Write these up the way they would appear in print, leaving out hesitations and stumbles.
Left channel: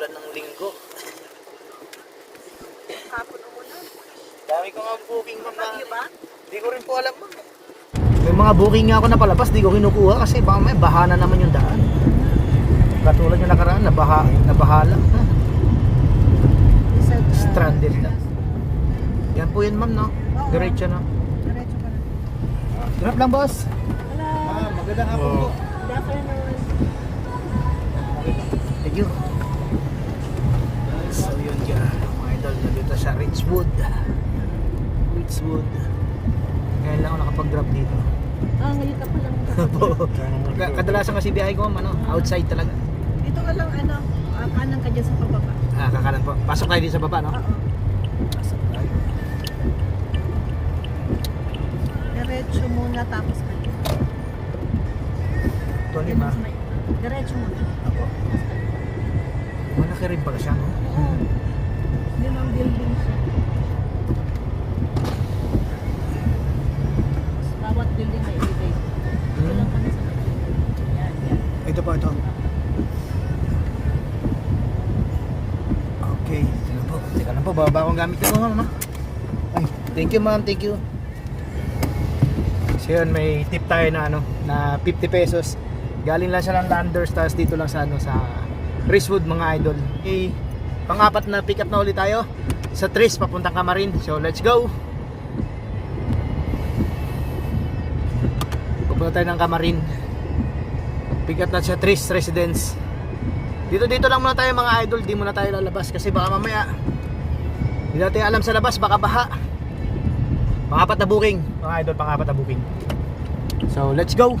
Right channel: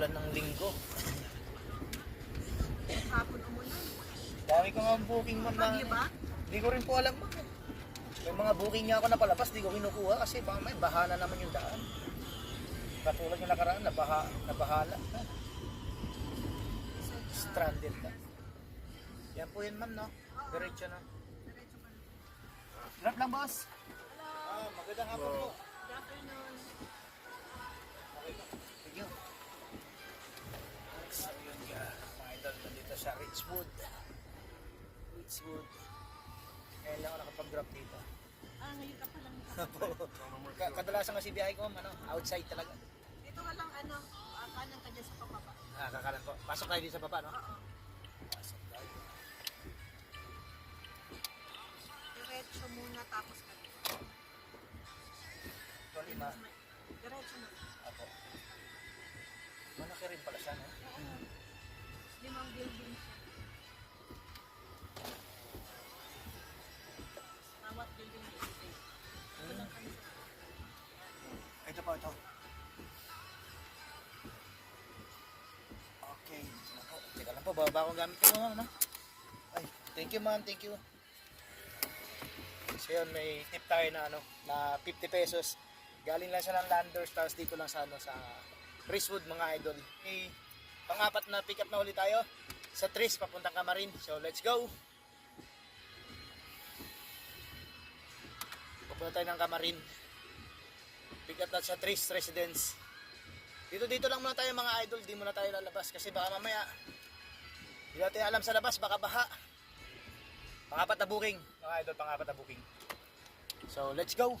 ulan ng linggo. Hapon umulan. Dami ko nga booking ma'am na. Bagyo ba? Hindi ko rin po alam ma'am. May mga booking nga ako na palabas, di ko kinukuha kasi baka may bahana naman yung daan. Katulad yung nakaraan, nabahala. Stranded na. Yan po yun ma'am, no? Diretso na. Diretso ka na. Drop lang boss. Hello. Magandang hapon po. Good afternoon. Thank you. So yun ka, mga idol na dito sa Richwood. Ngayon lang ako nakapag-drop dito. Ngayon ka pa lang. Kadalasan kasi biyahe ko ma'am, outside talaga. Dito ka lang, kanan ka dyan sa pababa. Kakanan po. Pasok tayo dito sa baba, no? Oo. Pasok tayo. Diretso muna tapos ka dyan. Ito lima. Diretso muna. Ako. Malaki rin pala siya, no? Oo. Limang building siya. Bawat building may elevator. Ito lang kami sa building. Yan. Ito po, ito. Okay, ito na po. Teka lang po, bababa akong gamit ko, ma'am, no? Ay, thank you, ma'am, thank you. So yun, may tip tayo na na 50 pesos. Galing lang siya ng Landers, tapos dito lang sa sa Richwood, mga idol. Okay, pang-apat na pick up na ulit tayo sa Tris papuntang Camarin. So let's go. Pupunta tayo ng Camarin. Pick up na sa Tris Residence. Dito lang muna tayo mga idol, di muna tayo lalabas kasi baka mamaya hindi natin alam sa labas, baka baha. Pang-apat na booking, mga idol, pang-apat na booking. So let's go.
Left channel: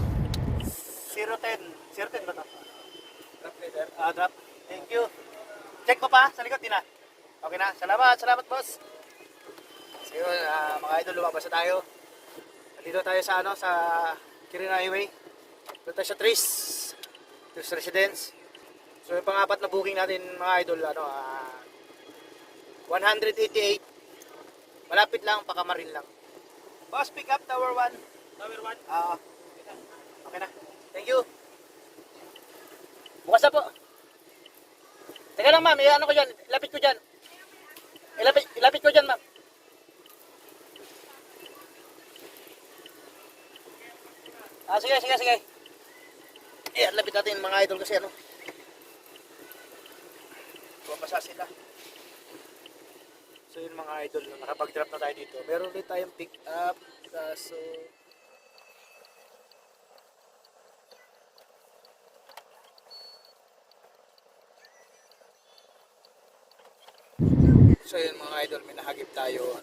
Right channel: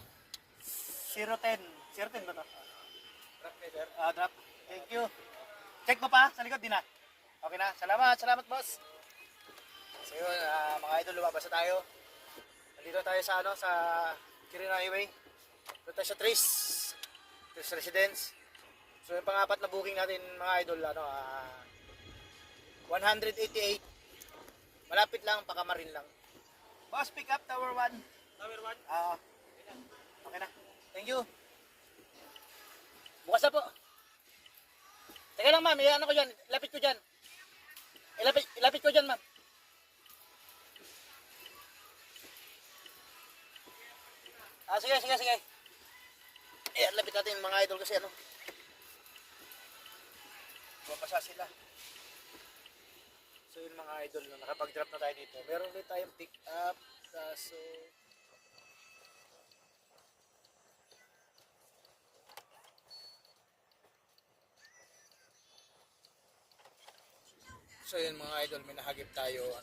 010 ba to? Drop leader. Drop. Thank you. Check mo pa sa likod din na. Okay na. Salamat boss. So yun, mga idol, lumabas na tayo. Dito tayo sa sa Kirin Highway. Dito tayo sa Tris Residence. So yung pang-apat na booking natin mga idol, 188. Malapit lang, Pakamarin lang. Boss, pick up Tower 1. Tower 1? Okay na. Thank you. Bukas na po. Teka lang ma'am, ko dyan. Ilapit ko dyan. Ilapit ko dyan ma'am. Sige. Lapit natin mga idol kasi bumasa sila. So yun mga idol, nakapag-drop na tayo dito. Meron ulit tayong pick up. So yun mga idol, may nahagip tayo.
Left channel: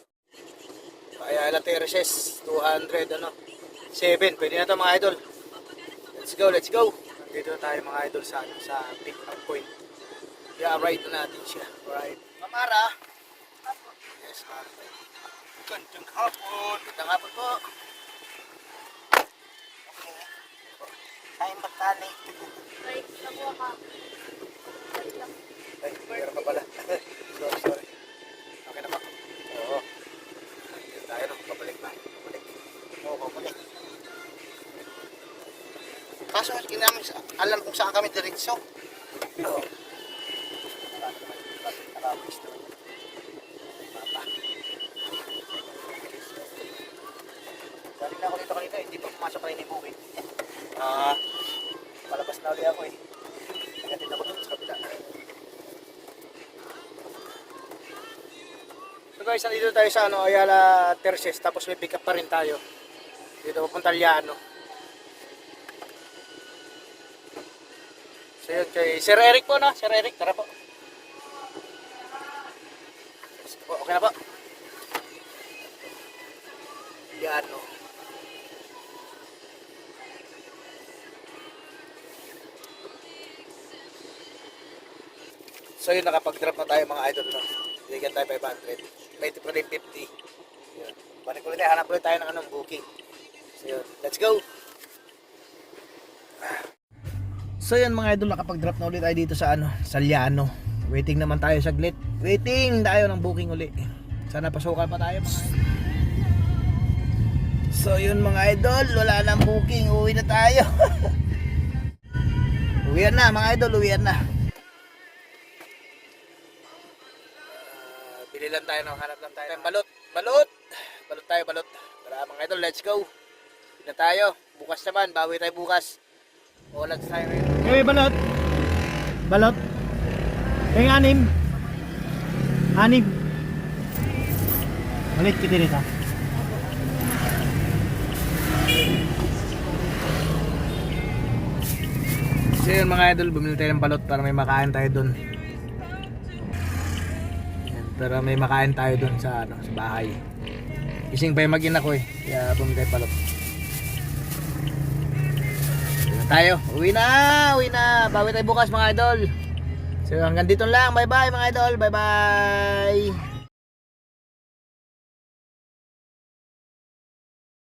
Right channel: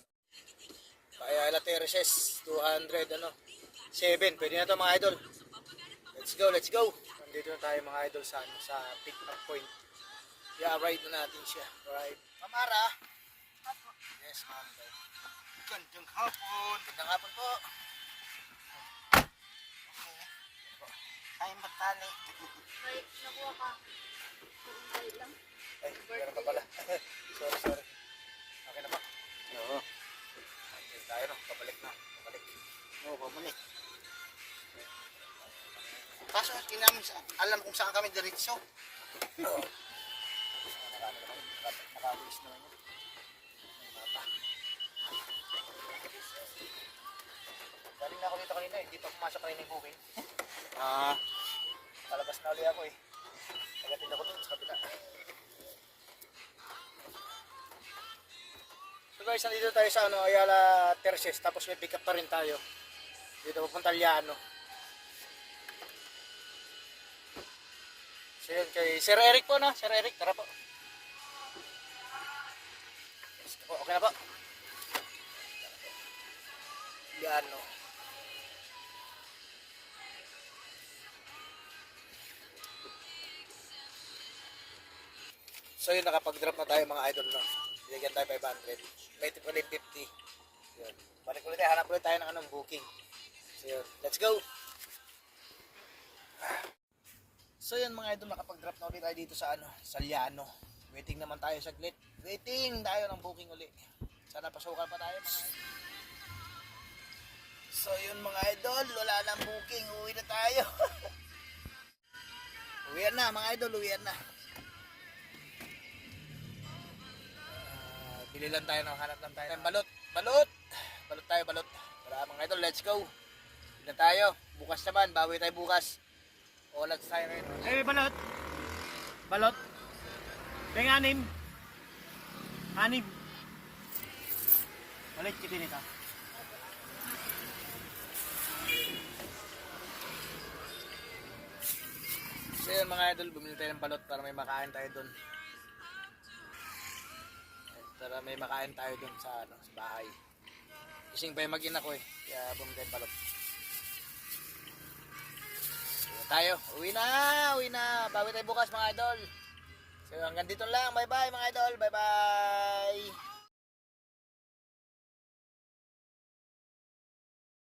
Ayala Terraces, 200 7, pwede na ito mga idol. Let's go. Nandito na tayo mga idol sa pick up point. I-ride na natin siya. Alright. Mamara. Yes, Mara. Gandang hapon. Gandang hapon po. Okay. Kayang magtali. Ay, nakuha ka. Ay, meron pa pala. Sorry. Okay na ba? Oo. Dito tayo Pabalik na. Pabalik. Kaso, hindi namin alam kung saan kami diretso. Oo. Galing na ako dito kanina, hindi pa pumasok kayo ni booking. Palabas na ulit ako Negatin ako dito sa kabila. So guys, nandito tayo sa Ayala Terces, tapos may pick up pa rin tayo. Dito papunta Liano. So yun kay Sir Eric po Sir Eric, tara po. Okay na po. Liano. So yun, nakapag-drop na tayo mga idol Bigyan tayo 500. May tip ulit 50. Yun. Balik ulit tayo, hanap ulit tayo ng booking. So yun, let's go. So yun mga idol, nakapag-drop na ulit tayo dito sa sa Liano. Waiting naman tayo saglit. Waiting tayo ng booking ulit. Sana pasukan pa tayo mga idol. So yun mga idol, wala nang booking. Uwi na tayo. Uwian na mga idol, uwian na. Bili lang tayo, no? Hanap lang tayo ng balot. Balot! Balot tayo, balot. Tara mga idol, let's go. Bili na tayo. Bukas naman, bawi tayo bukas. Ulat tayo ngayon. Hey, balot! Balot! Yung anim! Anim! Malit kita nito. So yun mga idol, bumili tayo ng balot para may makain tayo dun. Yan, para may makain tayo dun sa, sa bahay. Ising pa yung mag-ina ko eh, kaya bumili tayo balot. Tayo, uwi na, bawi tayo bukas mga idol. So hanggang dito lang, bye bye mga idol, bye bye.